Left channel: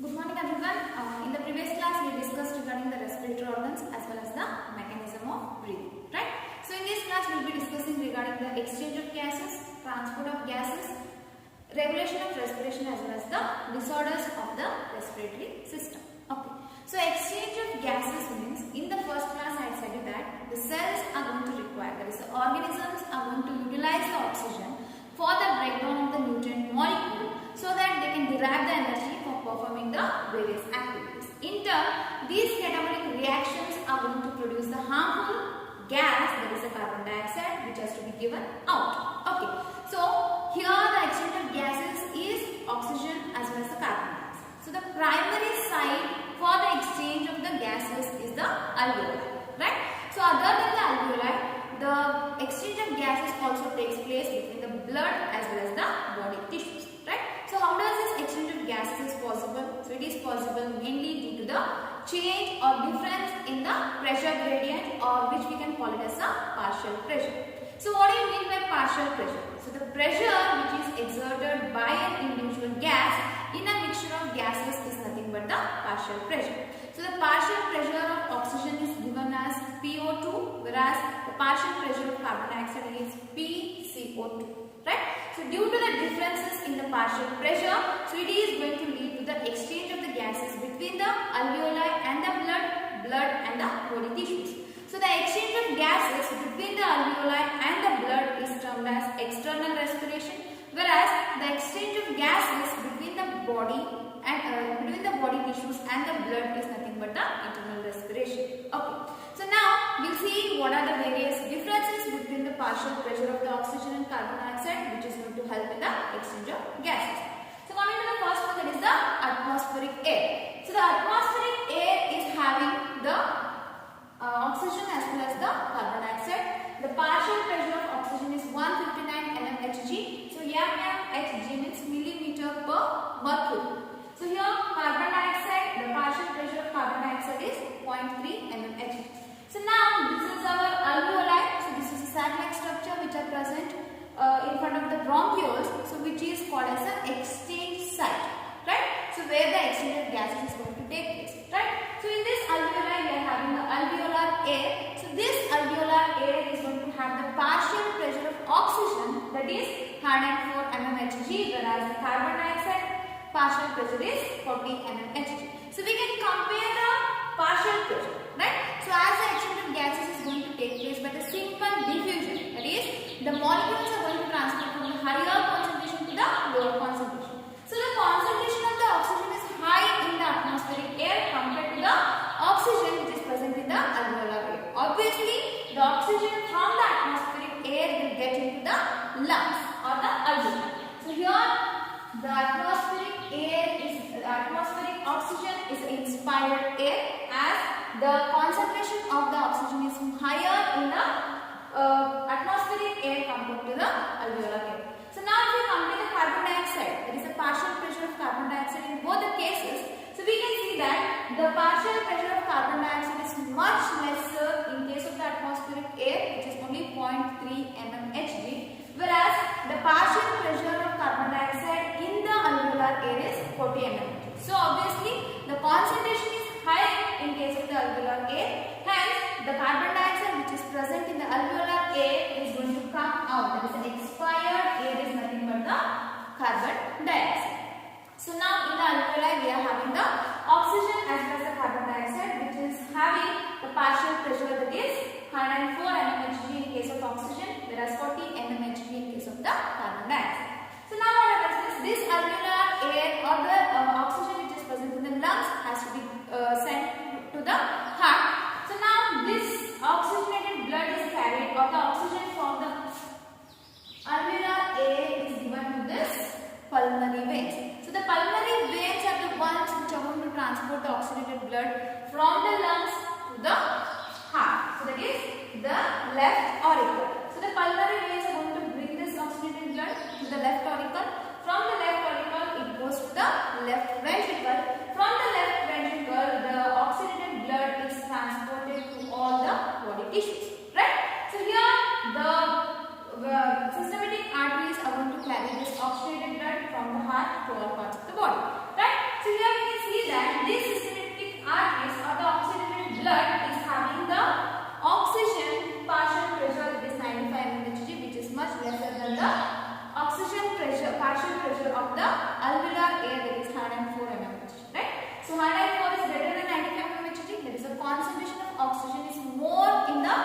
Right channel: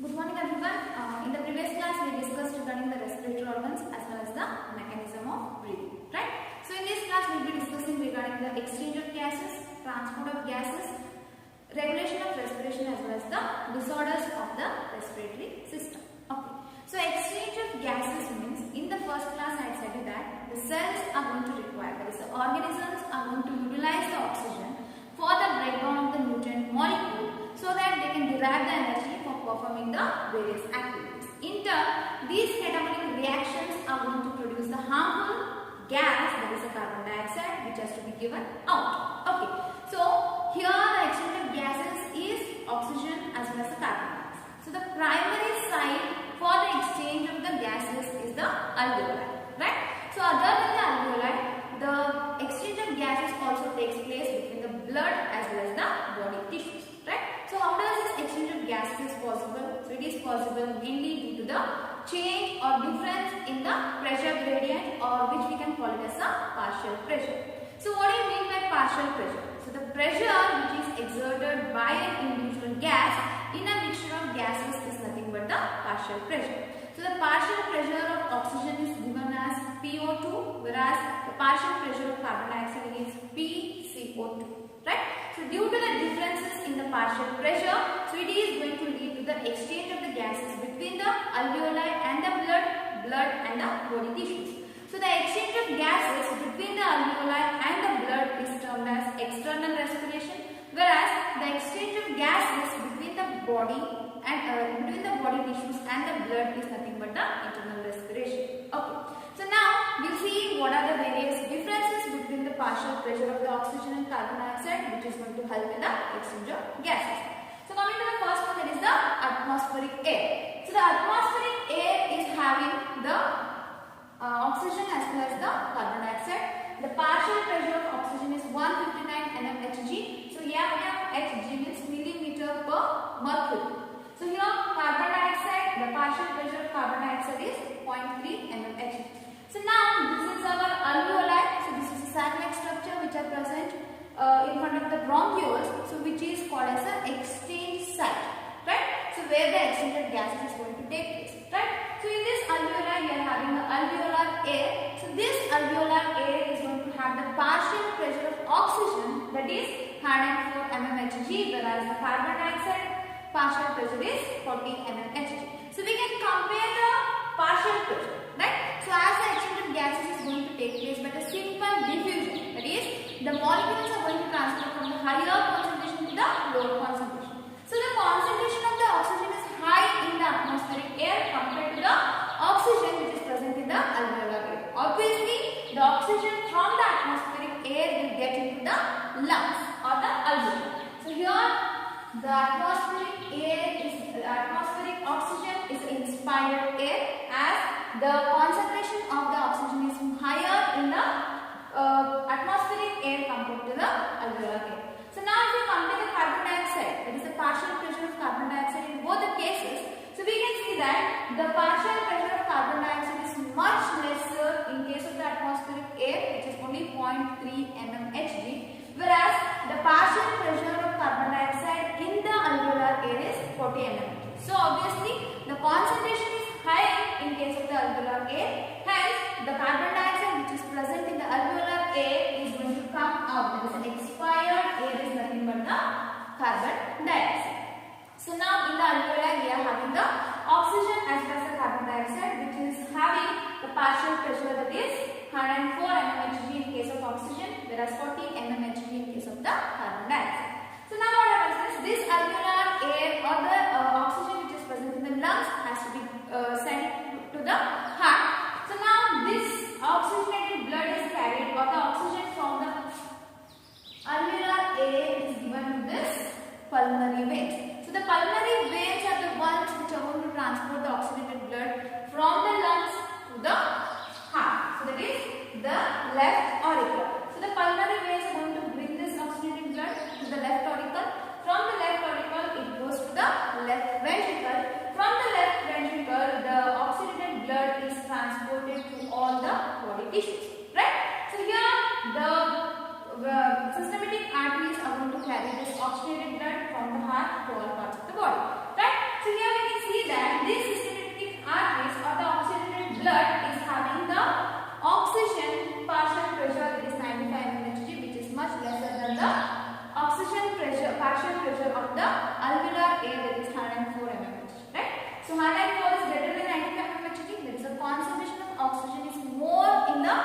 Good morning everyone. In the previous class we discussed regarding the respiratory organs as well as the mechanism of breathing, right? So in this class we will be discussing regarding the exchange of gases, transport of gases, regulation of respiration as well as the disorders of the respiratory system. Okay. So exchange of gases means in the first class I had said you that the cells are going to require, that is the organisms are going to utilize the oxygen for the breakdown of the nutrient molecule so that they can derive the energy for performing the various activities. In turn, these catabolic reactions are going to produce the harmful gas, that is the carbon dioxide, which has to be given out. Okay, so here the exchange of gases is oxygen as well as the carbon dioxide. So the primary site for the exchange of the gases is the alveoli, right? So other than the alveoli, the exchange of gases also takes place between the blood as well as the body tissues, right? So how does this exchange of gases is possible? So it is possible mainly due to the change or difference in the pressure gradient, or which we can call it as a partial pressure. So what do you mean by partial pressure? So the pressure which is exerted by an individual gas in a mixture of gases is nothing but the partial pressure. So the partial pressure of oxygen is given as PO2, whereas the partial pressure of carbon dioxide is PCO2, right? So due to the differences in the partial pressure, so it is going to lead to the exchange of the gases between the alveoli and the blood and the body tissues. So the exchange of gases between the alveoli and the blood is termed as external respiration, whereas the exchange of gases between the body and between the body tissues and the blood is nothing but the internal respiration. Okay. So now we'll see what are the various differences between the partial pressure of the oxygen and carbon dioxide, which is going to help in the exchange of gases. So coming to the first one, that is the atmospheric air. So the atmospheric air is having the oxygen as well as the carbon dioxide. The partial pressure of oxygen is 159 mmHg. So here mmHg means millimeter per mercury. So here carbon dioxide, the partial pressure of carbon dioxide is 0.3 mmHg. So now this is our alveoli. So this is a sac-like structure which are present in front of the bronchioles. So which is called as an exchange site, right? So where the exchange of gases is going to take place, right? So in this alveoli we are having the alveolar air. So this alveolar air is going to have the partial pressure of oxygen, that is 104 mmHg, whereas the carbon dioxide partial pressure is 40 mmHg. So we can compare the partial pressure, right? So as the exchange of gases is going to take place by the simple diffusion, that is the molecules are going to transfer from the higher concentration to the lower concentration. So the concentration of the oxygen is high in the atmospheric air compared to the oxygen which is present in the alveolar air. Obviously, the oxygen from the atmospheric air will get into the lungs or the alveoli. So here the atmospheric oxygen is inspired air, as the concentration of the oxygen is higher in the atmospheric air compared to the alveolar air. So now if you compare the carbon dioxide, that is the partial pressure of carbon dioxide in both the cases, so we can see that the partial pressure of carbon dioxide is much lesser in case of the atmospheric air, which is only 0.3 mmHg, whereas the partial pressure of carbon dioxide in the alveolar air is 40 mmHg. So obviously the concentration is high in case of the alveolar air, hence the carbon dioxide which is present in the alveolar air is going to come out. That is an expired air is nothing but the carbon dioxide. So now in the alveoli we are having the oxygen as well as the carbon dioxide, which is having the partial pressure, that is 104 mmHg in case of oxygen, whereas 40 mmHg in case of the carbon dioxide. So now what happens is this alveolar air or the oxygen which is present in the lungs has to be sent to the heart. So now this oxygenated blood is carried, or the oxygen from the alveolar air is given to this pulmonary veins. So the pulmonary veins are the ones which are going to transport the oxygenated blood from the lungs to the heart. So that is the left auricle. So the pulmonary veins are going to bring this oxygenated blood to the left auricle. From the left auricle it goes to the left ventricle. From the left ventricle the oxygenated blood is transported to all the body tissues, right? So here the systematic arteries are going to carry this oxygenated blood from the heart to all parts of the body, right? So here we can see of the alveolar air, that is 104 mmHg, right? So 104 is greater than 95 mmHg, that is the concentration of oxygen is more in the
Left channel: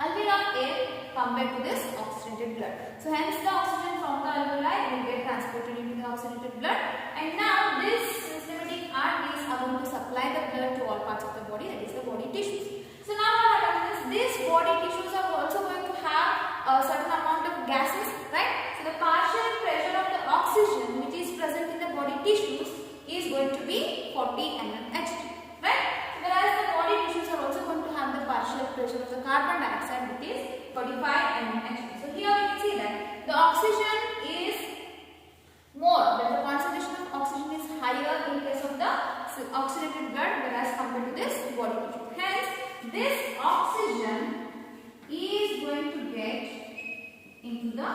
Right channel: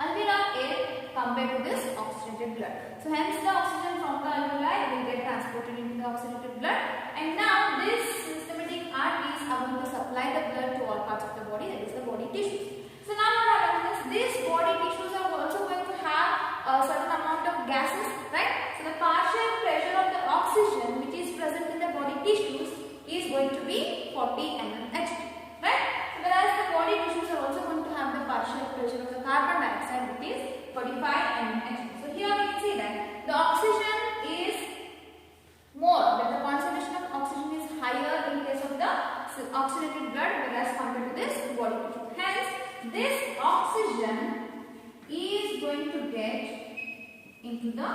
alveolar air compared to this oxygenated blood. So hence the oxygen from the alveoli will get transported into the oxygenated blood, and now this systematic arteries are going to supply the blood to all parts of the body, that is the body tissues. So now what happens is these body tissues are also going to have a certain amount of gases, right? So the partial pressure of the oxygen which is present in the body tissues is going to be 40 mmHg, right? Whereas the body tissues are also going to have the partial pressure of the carbon dioxide, which is 45 mmHg. So here we can see that the oxygen is more, that the concentration of oxygen is higher in case of the oxygenated blood, whereas compared to this body tissue. Hence, this oxygen is going to get into the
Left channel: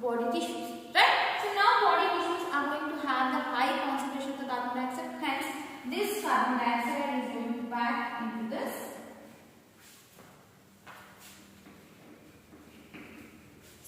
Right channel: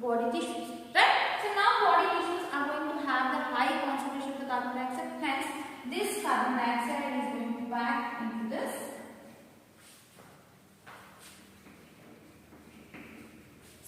body tissues, right? So now body tissues are going to have the high concentration of the carbon dioxide. Hence, this carbon dioxide is going to back into this.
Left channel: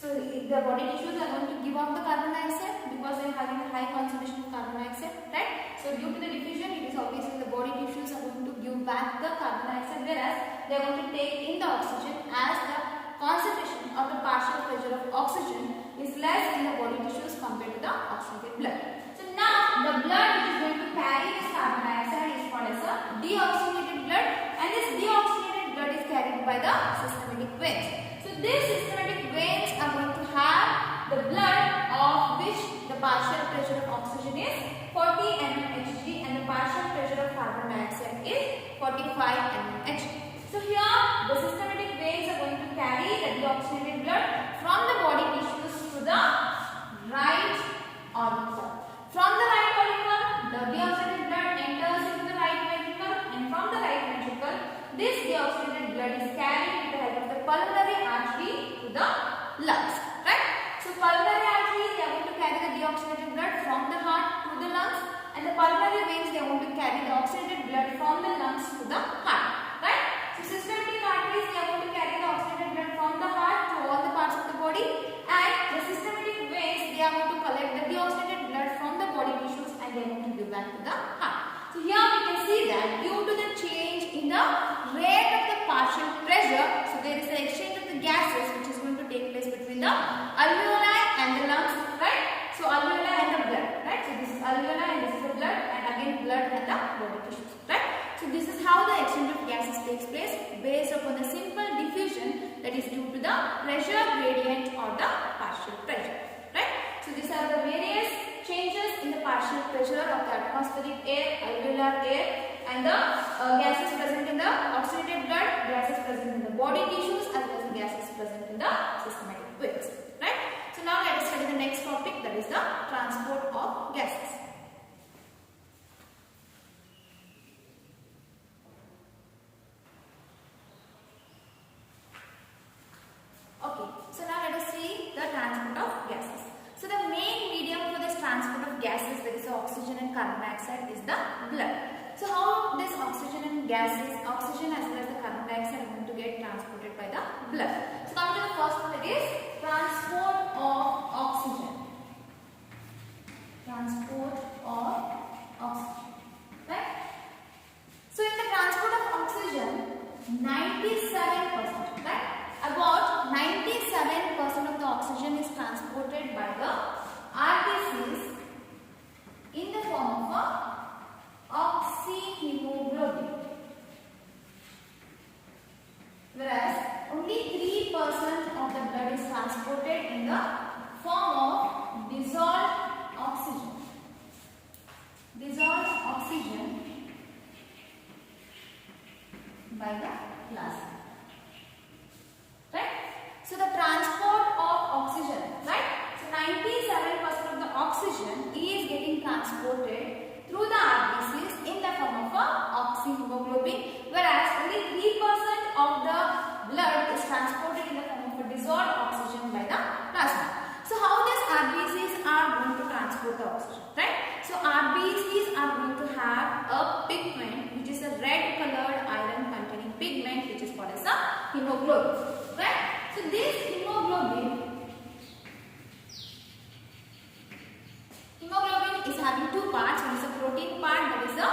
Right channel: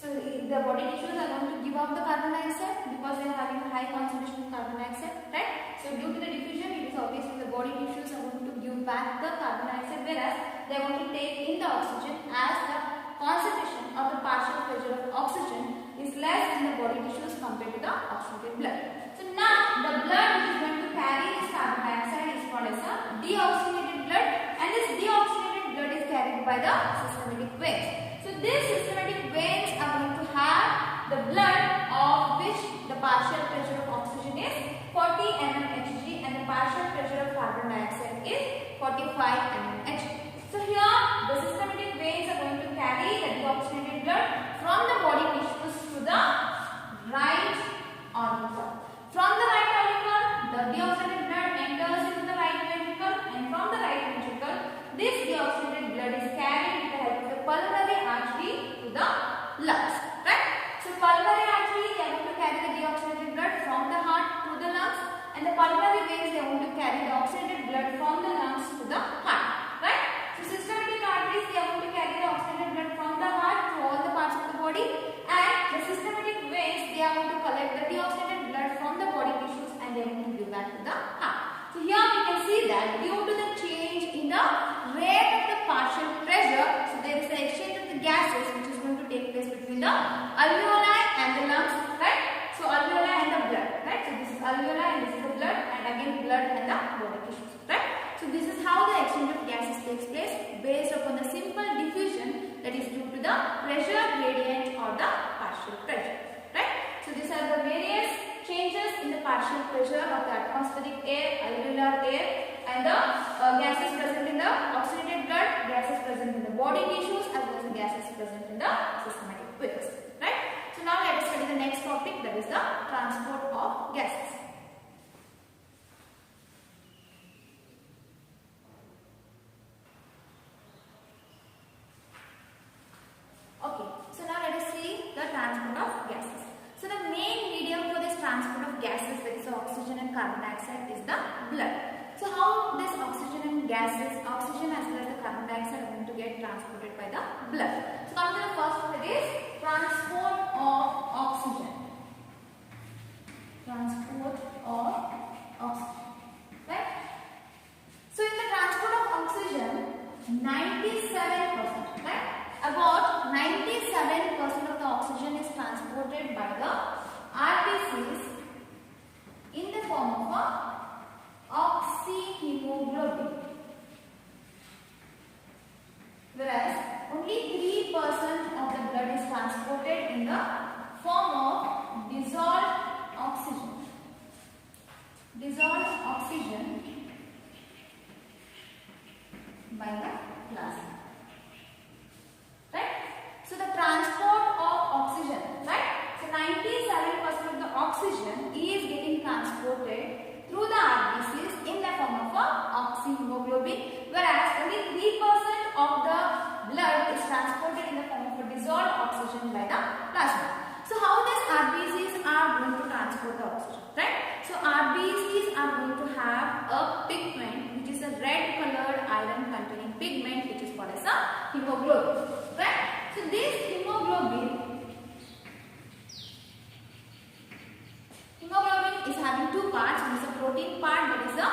So the body tissues are going to give off the carbon dioxide because they are having a high concentration of carbon dioxide, right? So due to the diffusion, it is obviously the body tissues are going to give back the carbon dioxide, whereas they are going to take in the oxygen, as the concentration of the partial pressure of oxygen is less in the body tissues compared to the oxygenated blood. So now the blood which is going to carry this carbon dioxide is called as a deoxygenated blood, and this deoxygenated blood is carried by the systematic veins. So these systematic veins are going to have the blood of which the partial pressure of oxygen is 40 mmHg and the partial pressure of carbon dioxide is 45 mmHg. So here the systematic veins are going to carry the deoxygenated blood from the body tissues to the right auricle. From the right auricle, the deoxygenated blood enters into the right ventricle, and from the right ventricle, this deoxygenated blood is carried with the help of the pulmonary artery to the lungs, right? So pulmonary artery, they are going to carry the deoxygenated blood from the heart to the lungs, and the pulmonary veins, they are going to carry the oxygenated blood from the lungs to the heart, right? So systematic arteries, they are going to carry the oxygenated blood from the heart to all the parts of the body, and the systematic veins, they are going to collect the deoxygenated blood from the body tissues and they are going to give back to the heart. So here we can see that due to the change in the rate of the partial pressure, so there is the exchange of the gases which is going to take place between the alveoli and the lungs, right? So alveoli and the blood, right? So this is alveoli and this is the blood, and again blood and the body tissues, right? So this is how the exchange of gases takes place based upon the simple diffusion, that is due to the pressure gradient or the partial pressure, right? So these are the various changes in the partial pressure of the atmospheric air, alveolar air, and the gases present in the oxygenated blood, gases present in the body tissues, as well as the gases present in the systematic veins, right? So now let us study the next topic, that is the transport of gases. Okay, so now let us see the transport of gases. So the main medium for this transport of gases, that is the oxygen and carbon dioxide, is the blood. So how this oxygen and gases, oxygen as well as the carbon dioxide are going to get transported by the blood. So coming to the first one, it is transport of oxygen. Transport of oxygen, right? So in the transport of oxygen, 97%, right? About 97% of the oxygen is transported by the RBCs in the form of oxyhemoglobin, whereas only 3% of the blood is transported in the form of dissolved oxygen. Dissolved oxygen by the plasma. Right? So the transport of oxygen, right? So 97% of the oxygen is getting transported through the RBCs in the form of oxyhemoglobin, whereas only 3% of the blood is transported in the form of a dissolved oxygen by the plasma. So how these RBCs are going to transport the oxygen, right? So RBCs are going to have a pigment which is a red colored iron containing pigment which is called as a hemoglobin, right? So this hemoglobin having two parts. One is the protein part, that is the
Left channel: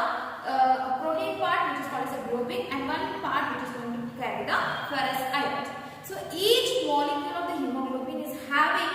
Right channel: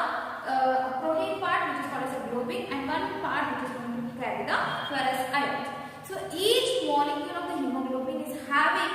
protein part which is called as a globin, and one part which is going to carry the ferrous ions. So each molecule of the hemoglobin is having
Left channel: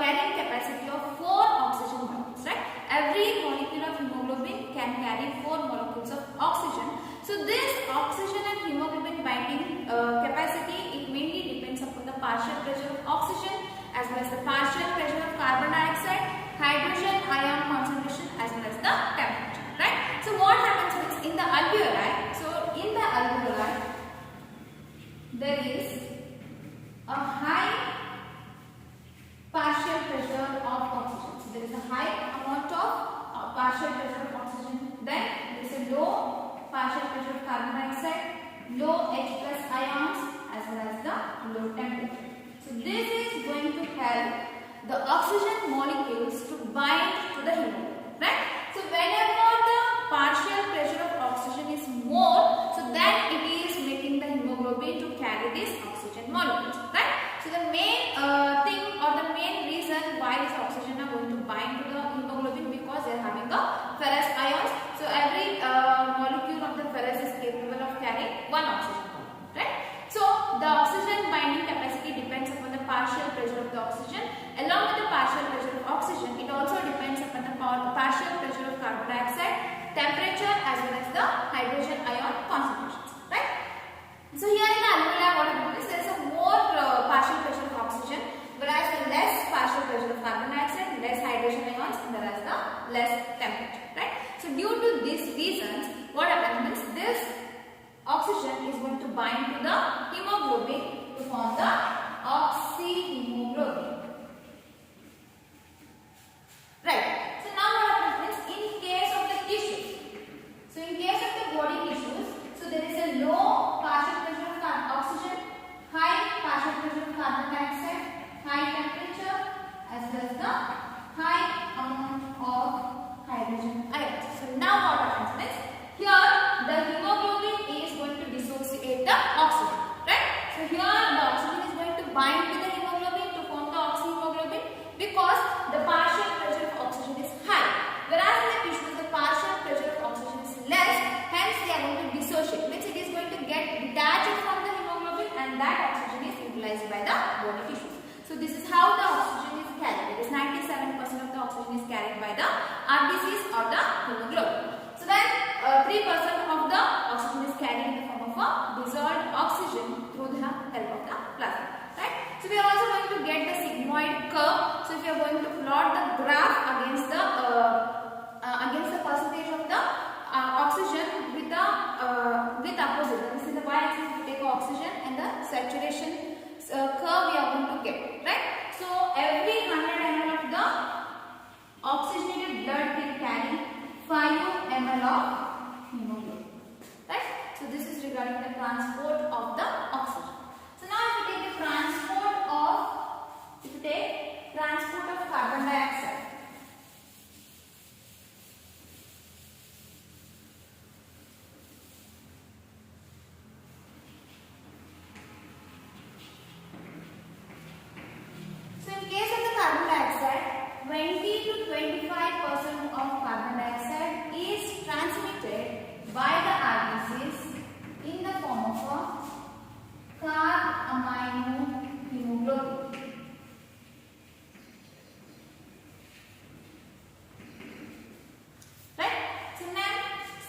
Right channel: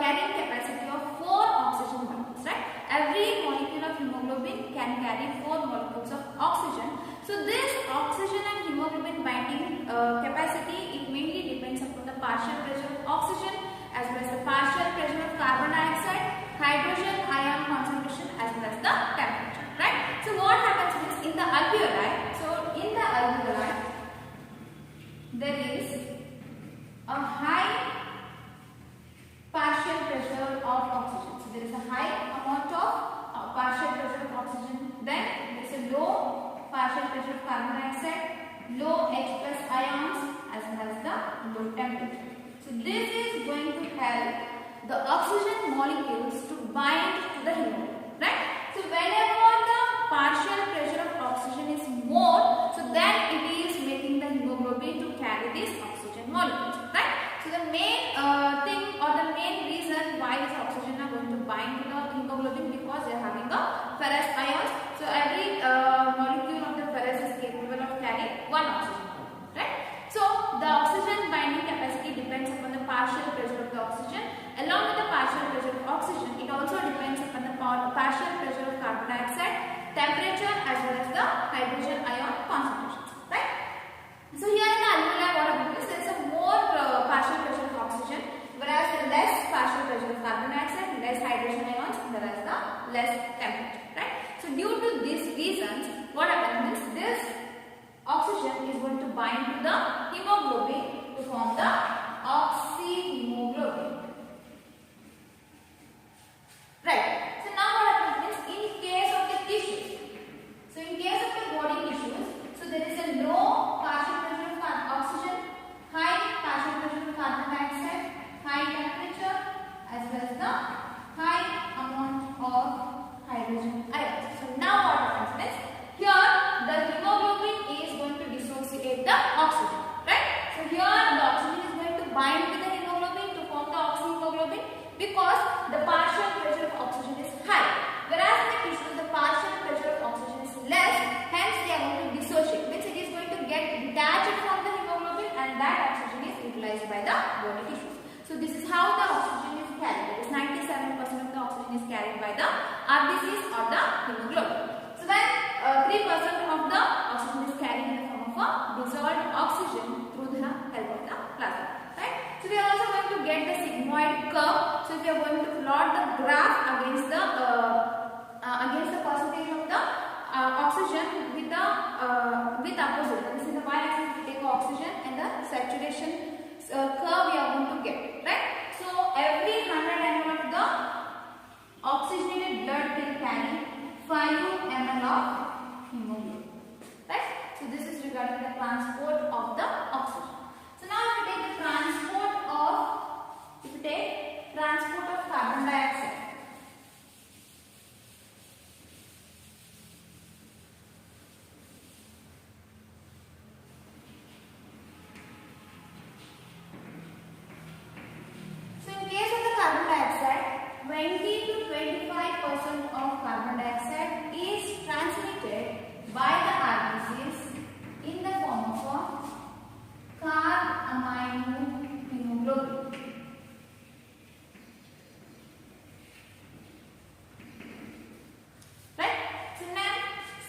carrying capacity of 4 oxygen molecules, right? Every molecule of hemoglobin can carry 4 molecules of oxygen. So this oxygen and hemoglobin binding capacity, it mainly depends upon the partial pressure of oxygen as well as the partial pressure of carbon dioxide, hydrogen ion concentration as well as the temperature, right? So what happens is in the alveoli, so in the alveoli there is a high partial pressure of oxygen. So there is a high amount of partial pressure of oxygen. Then there is a low partial pressure of carbon dioxide, low H plus ions as well as the low temperature. So this is going to help the oxygen molecules to bind to the hemoglobin, right? So whenever the partial pressure of oxygen is more, so then it is making the hemoglobin to carry these oxygen molecules, right? So the main thing or the main reason why this oxygen are going to bind to the hemoglobin, because they are having the ferrous ions. So every molecule of the ferrous is capable of carrying one oxygen molecule, right? So the oxygen binding capacity depends upon the partial pressure of the oxygen. Along with the partial pressure of oxygen, it also depends upon the partial pressure of carbon dioxide, temperature as well as the hydrogen ion concentrations, right? So here in the alveoli, what happens is there is a more partial pressure of oxygen, whereas the less partial pressure of carbon dioxide, less hydrogen ions, whereas the less temperature, right? So due to these reasons, what happens is this oxygen is going to bind to the hemoglobin to form the oxyhemoglobin, right? So now what happens is in case of the tissues, so in case of the body tissues, so there is a low partial pressure of oxygen, high partial pressure of carbon dioxide, high temperature as well as the high amount of hydrogen ions. So now what happens is here the hemoglobin is going to dissociate the oxygen, right? So here the oxygen is going to bind to the hemoglobin to form the oxyhemoglobin because the partial pressure of oxygen is high, whereas in the tissues the partial pressure of oxygen is less, hence they are going to dissociate, means it is going to get detached from the hemoglobin and that oxygen is utilized by the body tissues. So this is how the oxygen is carried. It is 97% of the oxygen is carried by the RBCs or the hemoglobin. So then 3% of the oxygen is carried in the form of a dissolved oxygen through the help of the plasma, right? So we are also going to get the sigmoid curve. So if you are going to plot the graph against the percentage of the oxygen with the with opposite, that is in the y-axis we take oxygen and the saturation curve we are going to get, right? So every 100 ml of the oxygenated blood will carry 5 ml of hemoglobin, right? So this is regarding the transport of the oxygen. So now if you take the transport of carbon dioxide. So in case of the carbon dioxide, 20 to 25% of carbon dioxide is transmitted by the RBCs in the form of a carbaminohemoglobin. Right? So now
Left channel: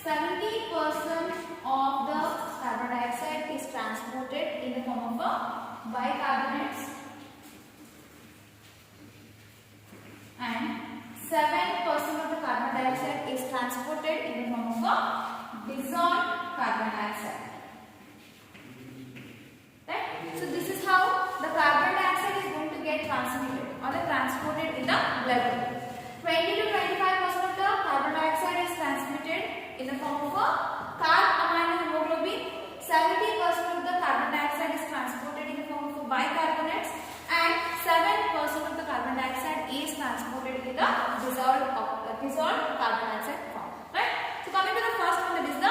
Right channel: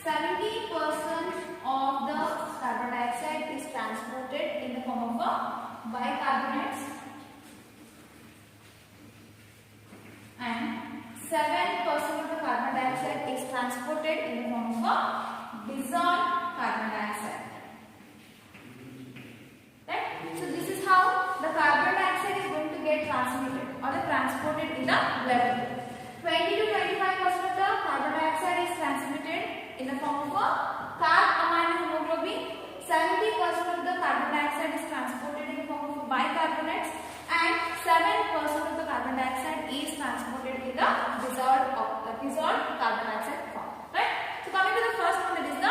70% of the carbon dioxide is transported in the form of a bicarbonates and 7% of the carbon dioxide is transported in the form of a dissolved carbon dioxide. Right? So this is how the carbon dioxide is going to get transmitted or transported in the blood. 20 to 25% of the carbon dioxide is transmitted in the form of a carbaminohemoglobin. 70% of the carbon dioxide is transported in the form of bicarbonates and 7% of the carbon dioxide is transported in the dissolved carbon dioxide form. Right? So coming to the first one, that is the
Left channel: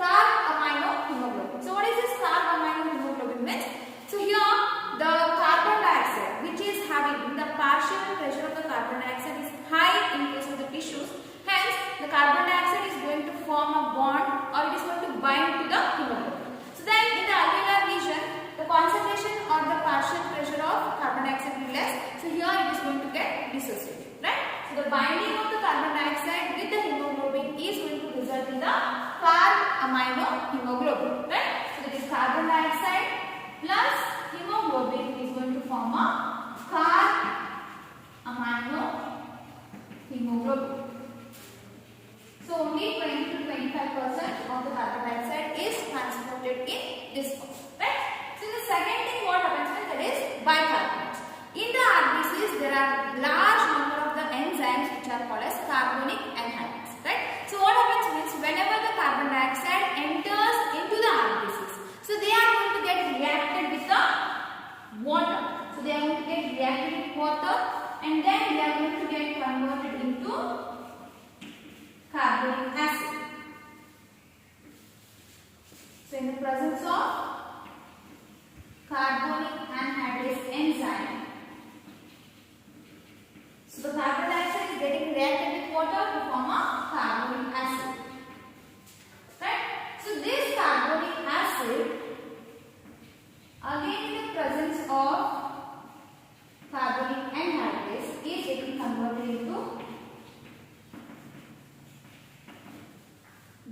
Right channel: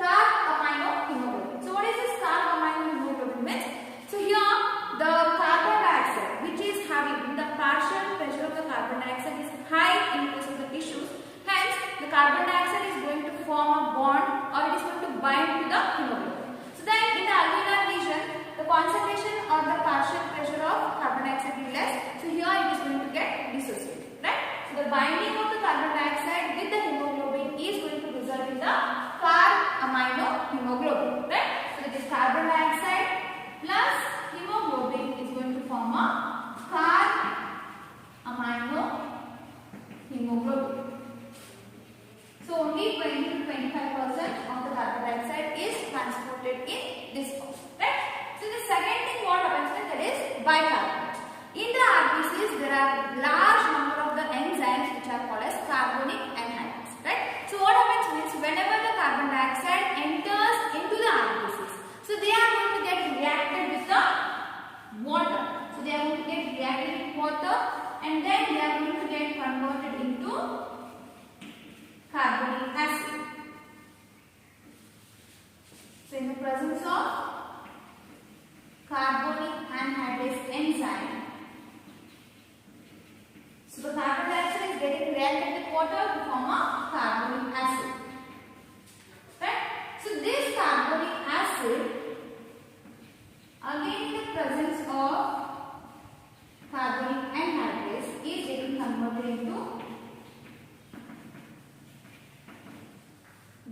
carbaminohemoglobin. So what is this carbaminohemoglobin means? So here the carbon dioxide which is having the partial pressure of the carbon dioxide is high in tissues. Hence, the carbon dioxide is going to form a bond or it is going to bind to the hemoglobin. So then in the alveolar region, the concentration or the partial pressure of carbon dioxide will be less. So here it is going to get dissociated, right? So the binding of the carbon dioxide with the hemoglobin is going to result in the carb-amino-hemoglobin, right? So that is carbon dioxide plus hemoglobin is going to form a carb-amino-hemoglobin. So only 20 to 25% of the carbon dioxide is transported in this form, right? So the second thing what happens is that is bicarbonates. In the RBCs there are large number of the enzymes which are called as carbonic anhydrase, right? So what happens means whenever the carbon dioxide enters into the RBCs, so they are going to get reacted with the water. So they are going to get reacted with water and then they are going to get converted into carbonic acid. So in the presence of carbonic anhydrase enzyme, so the carbon dioxide is getting reacted with water to form a carbonic acid, right? So this carbonic acid, again in the presence of carbonic anhydrase, is getting converted into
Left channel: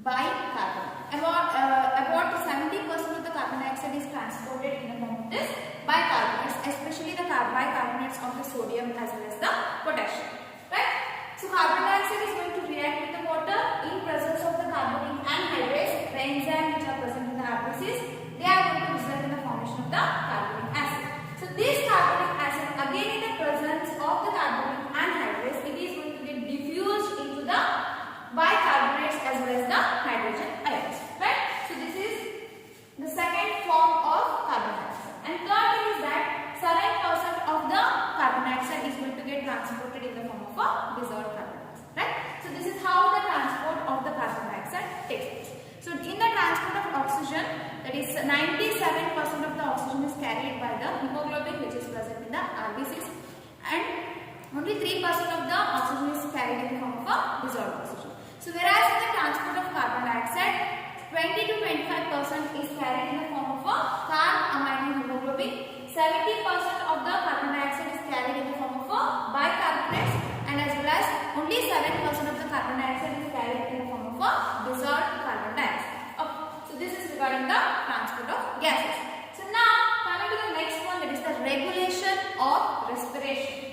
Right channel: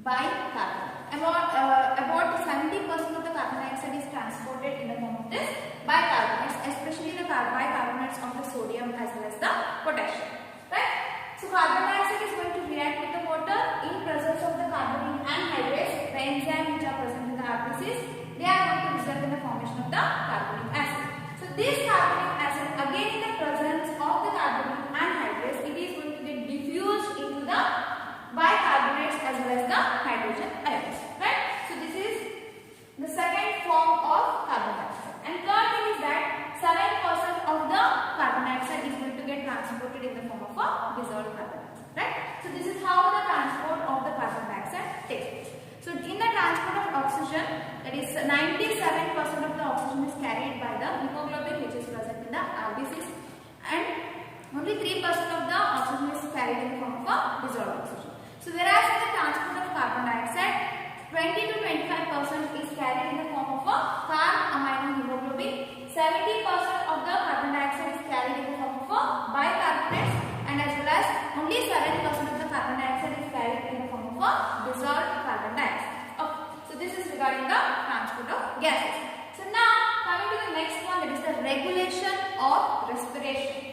bicarbonate. About 70% of the carbon dioxide is transported in the form of this bicarbonates, especially the bicarbonates of the sodium as well as the potassium, right? So carbon dioxide is going to react with the water in presence of the carbonic anhydrase, the enzyme which are present in the RBCs. They are going to result in the formation of the carbonic acid. So this carbonic acid, again in the presence of the carbonic anhydrase, it is going to get diffused into the bicarbonates as well as the hydrogen ions, right? So this is the second form of carbon dioxide. And third thing is that 7% of the carbon dioxide is going to get transported in the form of a dissolved carbon dioxide, right? So this is how the transport of the carbon dioxide takes place. So in the transport of oxygen, that is 97% of the oxygen is carried by the hemoglobin which is present in the RBCs, and only 3% of the oxygen is carried in the form of a dissolved oxygen. So whereas in the transport of carbon dioxide, 20 to 25% is carried in the form of a carb-amino-hemoglobin, 70% of the carbon dioxide is carried in the form of a bicarbonates, and as well as only 7% of the carbon dioxide is carried in the form of a dissolved carbon dioxide. Okay, so this is regarding the transport of gases. So now coming to the next one, that is the regulation of respiration.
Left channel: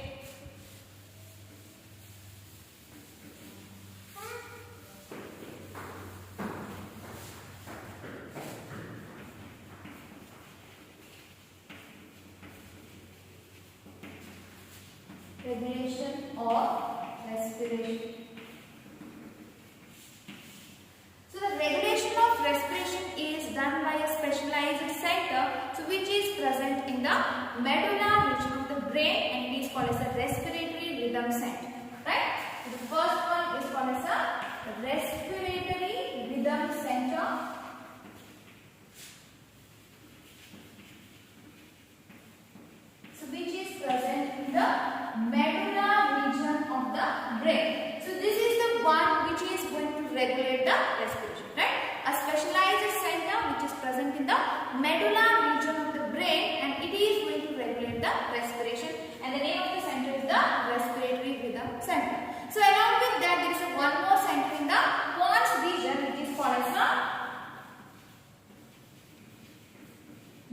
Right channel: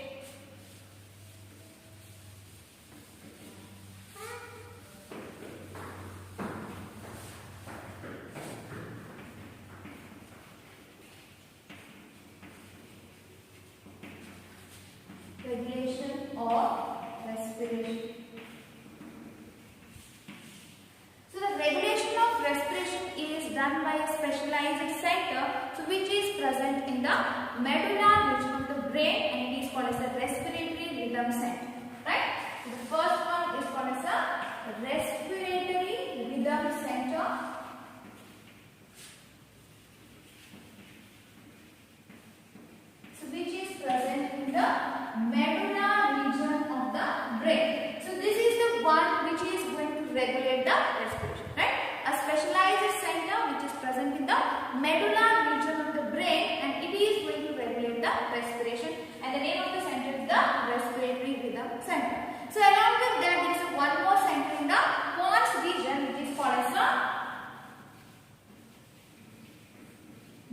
Regulation of respiration. So the regulation of respiration is done by a specialized center, so which is present in the medulla region of the brain, and it is called as a respiratory rhythm center, right? So the first one is called as a respiratory rhythm center. So which is present in the medulla region of the brain. So this is the one which is going to regulate the respiration, right? A specialized center which is present in the medulla region of the brain, and it is going to regulate the respiration, and the name of the center is the respiratory rhythm center. So along with that, there is one more center in the pons region which is called as the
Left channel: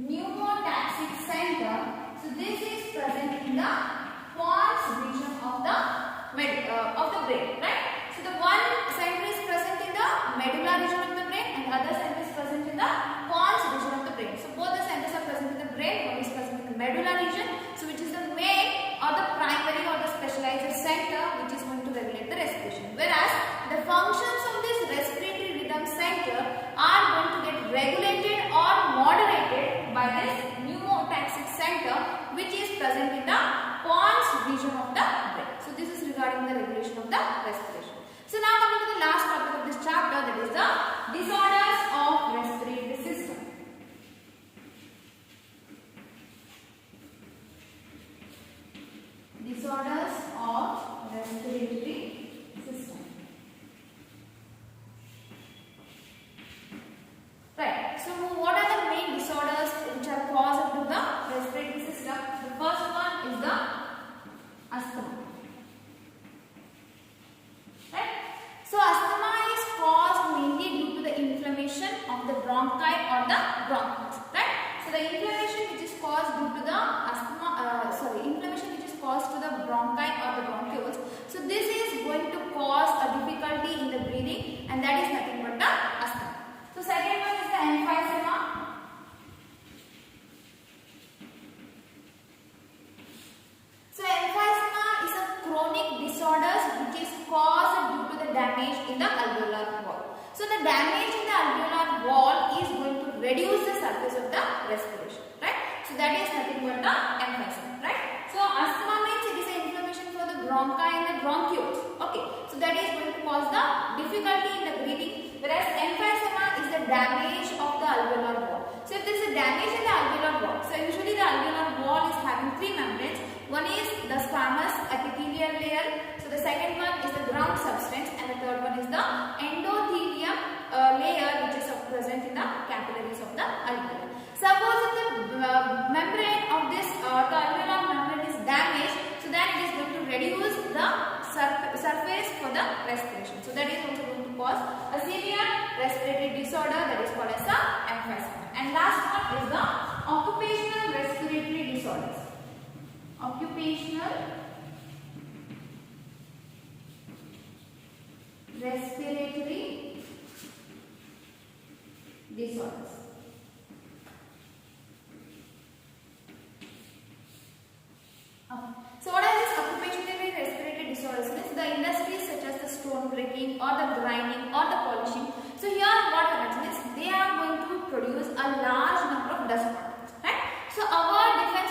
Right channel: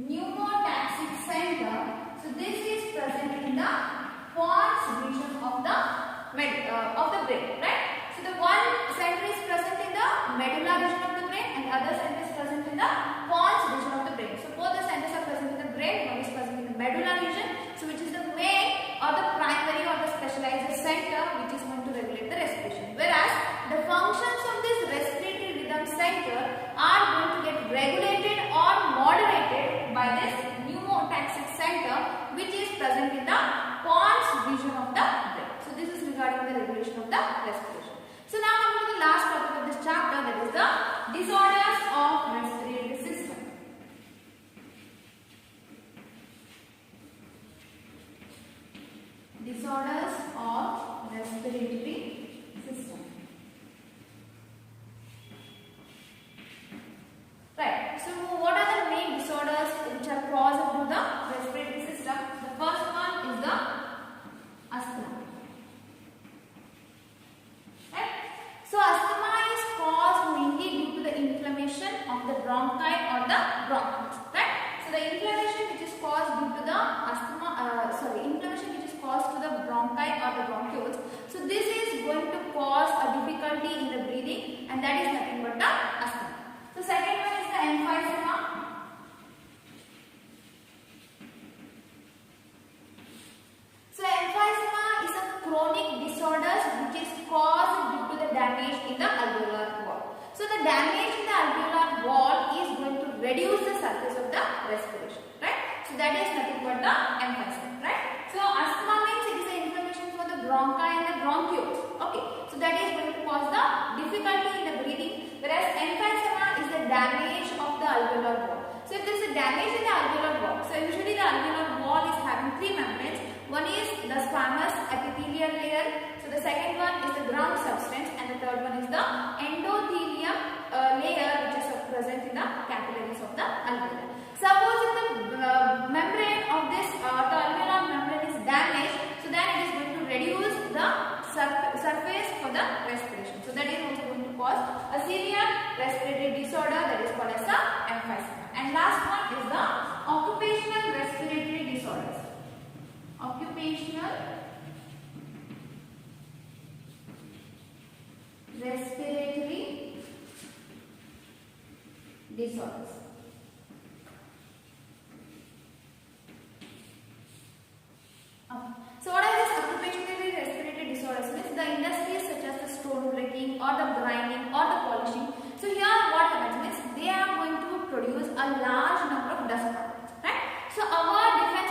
pneumotaxic center. So this is present in the pons region of the brain, right? So the one center is present in the medulla region of the brain, and the other center is present in the pons region of the brain. So both the centers are present in the brain. One is present in the medulla region, so which is the main or the primary or the specialized center which is going to regulate the respiration. Whereas the functions of this respiratory rhythm center are going to get regulated or moderated by this pneumotaxic center which is present in the pons region of the brain. So this is regarding the regulation of the respiration. So now coming to the last topic of this chapter, that is the disorders of respiratory system. Disorders of respiratory system. So what are the main disorders which are caused to the respiratory system? The first one is the asthma. Right? So asthma is caused mainly due to the inflammation of the bronchi or the bronchioles. Right? So the inflammation which is caused due to the inflammation which is caused to the bronchi or the bronchioles. So this is going to cause a difficulty in the breathing, and that is nothing but the asthma. So second one is the emphysema. So emphysema is a chronic disorder which is caused due to the damage in the alveolar wall. So the damage in the alveolar wall is going to reduce the surface of the respiration, right? So that is nothing but the emphysema, right? So asthma means it is an inflammation for the bronchi and the bronchioles. Okay, so that is going to cause the difficulty in the breathing, whereas emphysema is the damage of the alveolar wall. So if there is a damage in the alveolar wall, so usually the alveolar wall is having three membranes. One is the squamous epithelial layer. So the second one is the ground substance, and the third one is the endothelium layer, which is present in the capillaries of the alveoli. Suppose if the membrane of this the alveolar membrane is damaged, so then it is going to reduce the surface for the respiration. So that is also going to cause a severe respiratory disorder, that is called as the emphysema. And last one is the occupational respiratory disorders. Occupational respiratory disorders. So what are these occupational respiratory disorders? Means the industries such as the stone breaking or the grinding or the polishing. So here what happens means they are going to produce a large number of dust particles, right? So our defense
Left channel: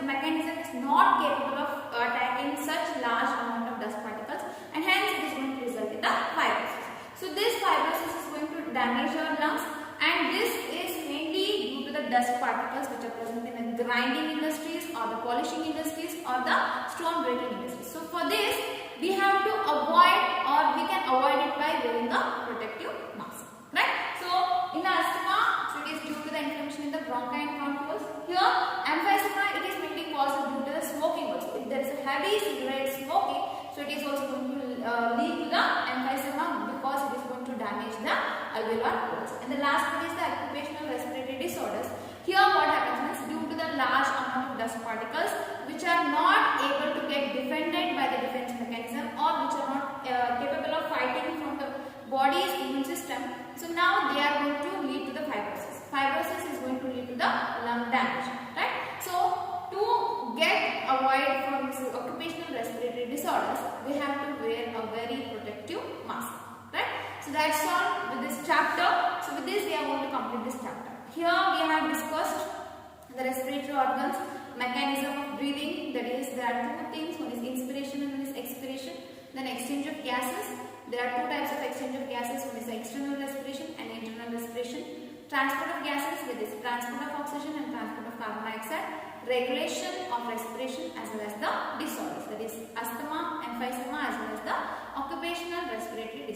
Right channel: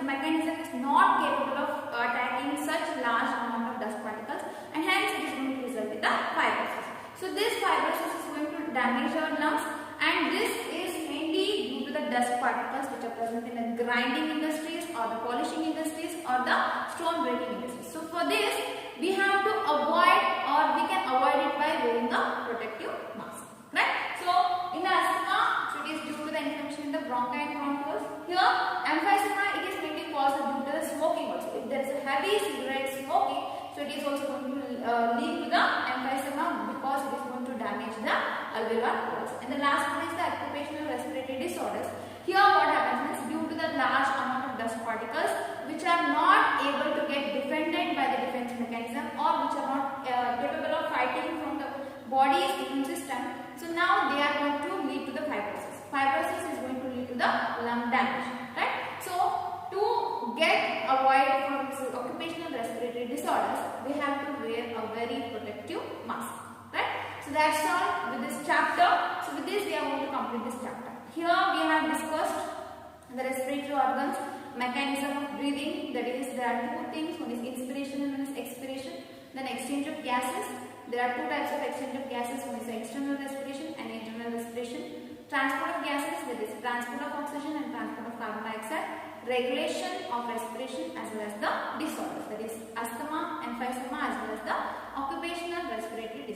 mechanism is not capable of attacking such large amount of dust particles, and hence it is going to result in the fibrosis. So this fibrosis is going to damage our lungs, and this is mainly due to the dust particles which are present in the grinding industries or the polishing industries or the stone breaking industries. So for this we have to avoid, or we can avoid it by wearing a protective mask, right? So in the asthma, so it is due to the inflammation in the bronchi and bronchioles. Here emphysema, it is mainly caused due to the smoking also. If there is a heavy cigarette smoking, so it is also going to lead to the emphysema because it is going to damage the alveolar walls. And the last one is the occupational respiratory disorders. Here what happens is due to the large amount of dust particles which are not able to get defended by the defense mechanism, or which are not capable of fighting from the body's immune system. So now they are going to lead to the fibrosis. Fibrosis is going to lead to the lung damage, right? So to avoid from this occupational respiratory disorders, we have to wear a very protective mask, right? So that's all with this chapter. So with this we are going to complete this chapter. Here we have discussed the respiratory organs, mechanism of breathing, that is there are two things, one is inspiration and one is expiration. Then exchange of gases, there are two types of exchange of gases, one is external respiration and internal respiration. Transport of gases, that is transport of oxygen and transport of carbon dioxide. Regulation of respiration as well as the disorders, that is asthma, emphysema as well as the occupational respiratory